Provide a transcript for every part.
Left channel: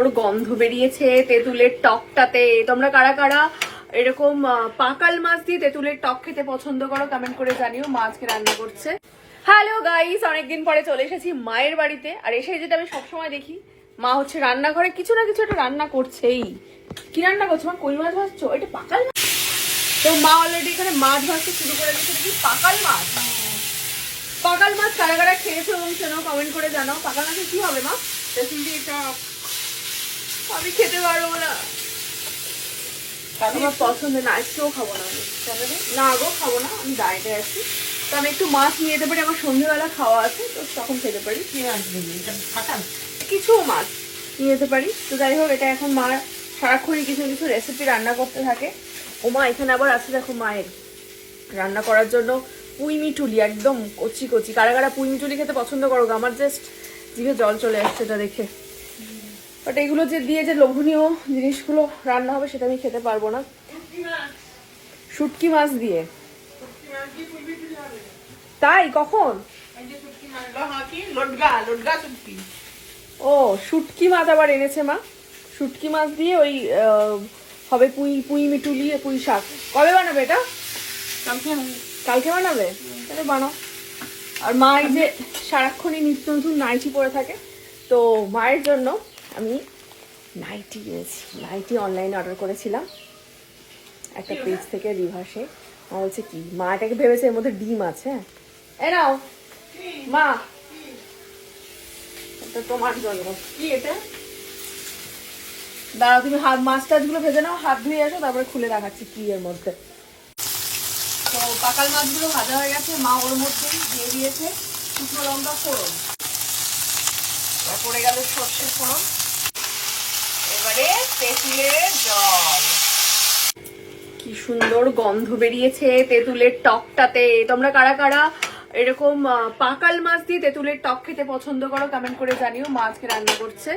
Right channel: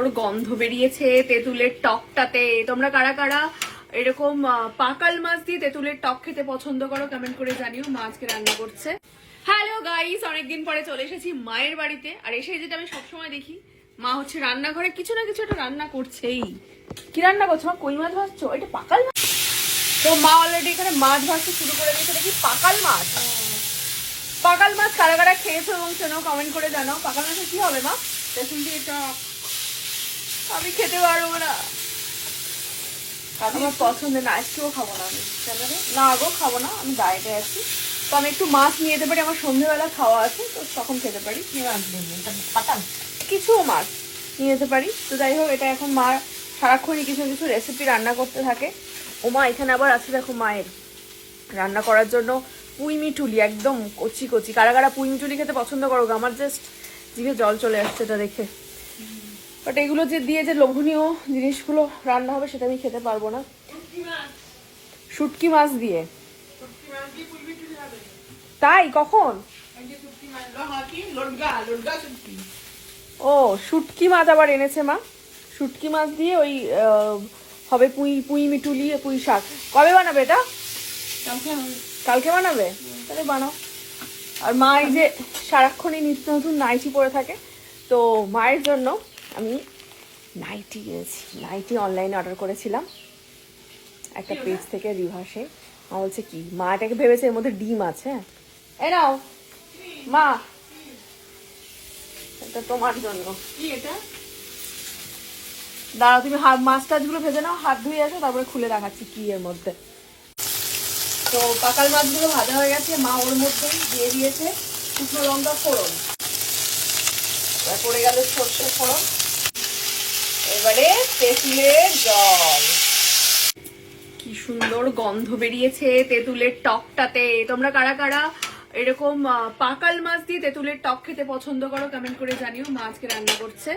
সুন্দর গন্ধ বেরিয়েছে তেঁতুলের টকটাতে। তোমরা কারা কারা এরকম পাকাল মাছ দিয়ে তেঁতুলের টক খেতে পছন্দ করো কমেন্ট করে জানিও। মা আজকে রান্না করছে। হ্যালো গাইস, অনেকদিন পরে চলে এসেছি মায়ের বাড়িতে। আর এসে যেটা আমি সবসময় দেখি, মা হচ্ছে রান্নাঘরে কিছু না কিছু একটা রান্না করছেই। কি রান্না করছো মা? কই মাছ ভাজছো? এটা পাকাল মাছ? তো মা অলরেডি এখানে মাছ ভাজতে শুরু করে দিচ্ছে। দেখি পাকাল মাছ। পাকাল মাছ কারা কারা খেয়েছো এবং চেনো কমেন্ট করে জানাও। পাকাল মাছের কি হবে মা রেসিপি? এটা আমি খেতে পারবো না, আমার পছন্দ না, একটুও খাবো না আমি। না গো খাবো না, আমি ডায়েটে আছি। তো আমি একটু মাছ নিয়ে যেতে পারি, আমার সন্ধ্যেবেলা খাওয়া আছে, তো তখন খেতে পারি। কিছু মাছ নিয়ে যেতে পারি। তো যাই হোক, এটা এখন মা সারাক্ষণই কিছু কিছু রেসিপি রান্না করতে থাকে। ও মা এখানে আবার আছে দেখো মায়ের রান্না করার জন্য পুঁই মিটুলি, একদম কচি কচি। কারা কারা পুঁই মিটুলি খেতে পছন্দ করো? আমার জাস্ট জিভে জল চলে আসছে এটা দেখে। বাট এগুলো যে দিয়ে যে লোভনীয় জিনিসগুলো রান্না হবে সেটা আমি খেতে পারবো না। শুটকি মাছ দিয়ে? তাই কখন? ও শুটকি মাছ আবার এনেছে মা। শুটকি মাছ দিয়ে ওই হবে পুঁই পুঁই মিটুলি পুঁই শাক। কবে বানাবে এটা? কালকে বানাবে? তাহলে বানাও। আর মা এই যে সারাক্ষণই নিত্য নতুন নাইটি পরে থাকে, তো মায়ের জন্য আমি নাইটি কিনেছি। নাইটি অনলাইনে অর্ডার করেছিলাম একটা পেজ থেকে, রিভার্সে। মা বলছে কি, মা এটাকে ভেবেছে এর মধ্যে ডিম আছে। এ নাও মা, এটা তোমার জন্য। কি এটা? দাঁড়া, তুমি মাছ টাছগুলো ভেজে নাও, হাত ধুয়ে আসো, তারপরে খুলে দেখাচ্ছি কি এর মধ্যে। তো পাকাল মাছগুলো ভাজা হয়ে গেছে, মা ওর মধ্যে দিয়ে দিয়েছে শুকনো লঙ্কা ফোড়ন, পড়ে গেল সর্ষে ফোড়ন, এবারে তেঁতুলের জল। কি সুন্দর গন্ধ বেরিয়েছে তেঁতুলের টকটাতে। তোমরা কারা কারা এরকম পাকাল মাছ দিয়ে তেঁতুলের টক খেতে পছন্দ করো কমেন্ট করে জানিও। মা আজকে রান্না করছে।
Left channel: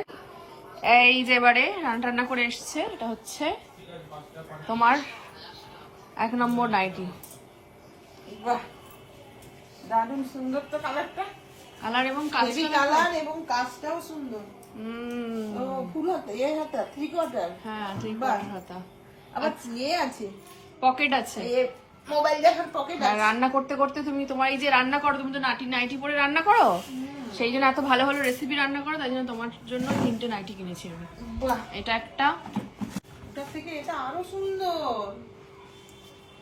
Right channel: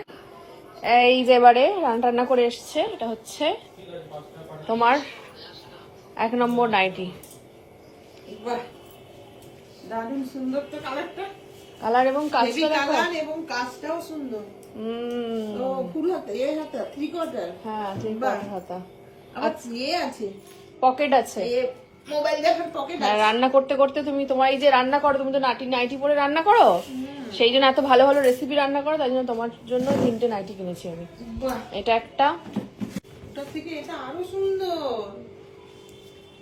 এই যে এবারে রান্না করে এসছে, এটা হচ্ছে তোমার 1 নম্বর নাইটি। দারুণ সুন্দর তো কালারটা। কালার এবং কালার এবং কাজটাও সুন্দর। ও ফুল হাতা, এই হাতা, 3/4। হ্যাঁ 3/4 হাতা। আবার আছে, পকেট আছে, মোবাইল দেখার পকেট আছে। রান্না করতে করতে তুমি, তোমার এই যে রান্না করো, তুমি তো নাইটি পরে রান্না করো, সেই জন্য এত ভালো ভালো রেসিপি রান্না করো, তাই জন্য তোমার জন্য 3টে নাইটি কিনেছি আমি। এটা একটা, ওটা থেকে এটা আরো সুন্দর।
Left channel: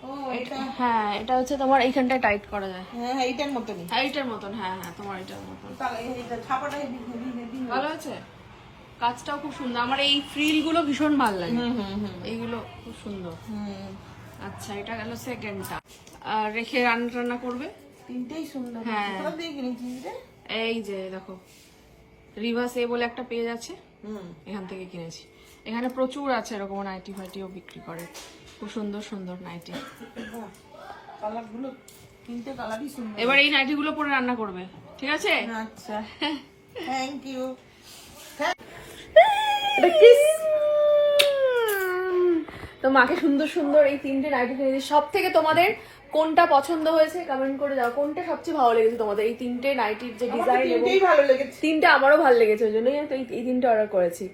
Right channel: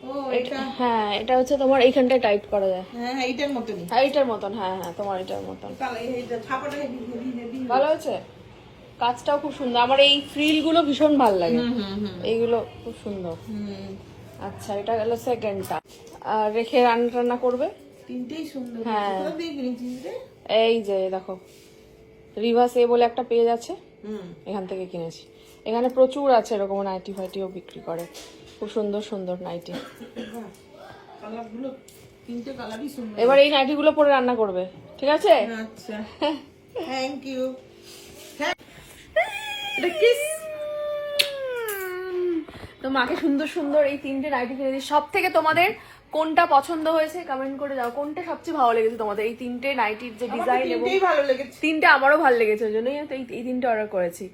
ও এটা, হ্যাঁ এটা হচ্ছে তোমার এইখানটা টাইট করা যায়। হ্যাঁ এইটার মতনই। হ্যাঁ এইটার মতন, হ্যাঁ হ্যাঁ তোমার এটার মতন। এটা ছাপাটা হেভি ভালো আছে, কাজটাও খুব সুন্দর। আমার এই ফ্রিল গুলো ভীষণ ভালো লাগে, এইগুলো খুব সুন্দর। আচ্ছা এটা গেল সেকেন্ডটা। আর রেখে রান্না করবে। 3টেই সুন্দর। হ্যাঁ কোথা দিয়ে কিনেছিস রে? এই যে দেখো, রিভার্স এ বলে একটা পেজ আছে, এখান থেকে কিনেছি। এখানে প্রচুর আছে এরকম নাইটি ফাইটিও বিক্রি করে, খুব সুন্দর সুন্দর নাইটি। কালারগুলো 3টে কালারই সুন্দর। এবার এই নাইটি গুলো পরে রান্না করবে, ঠিক আছে? আচ্ছা, থ্যাংক ইউ। তো মাকে সুন্দর সুন্দর এই 3টে নাইটি কিনেছি। সব থেকে তোমাদের কোনটা পছন্দ হয়েছে কমেন্ট করে দাও। কোনটা সবচেয়ে ভালো লেগেছে তোমাদের? এই 3টে নাইটির যে ডিজাইন, এবং ভালো লেগেছে 3টে আমারও ভালো লেগেছে, ওই জন্যই তো এই 3টে অর্ডার করেছি।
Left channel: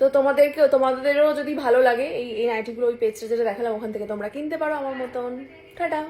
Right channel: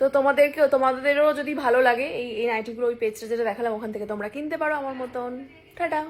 তো তোমাদেরও যদি ভালো লাগে এই নাইটিগুলো, ওই পেজটা যেটা দেখালাম ওখান থেকে তোমরা কিনতে পারো আমার মতন। টাটা।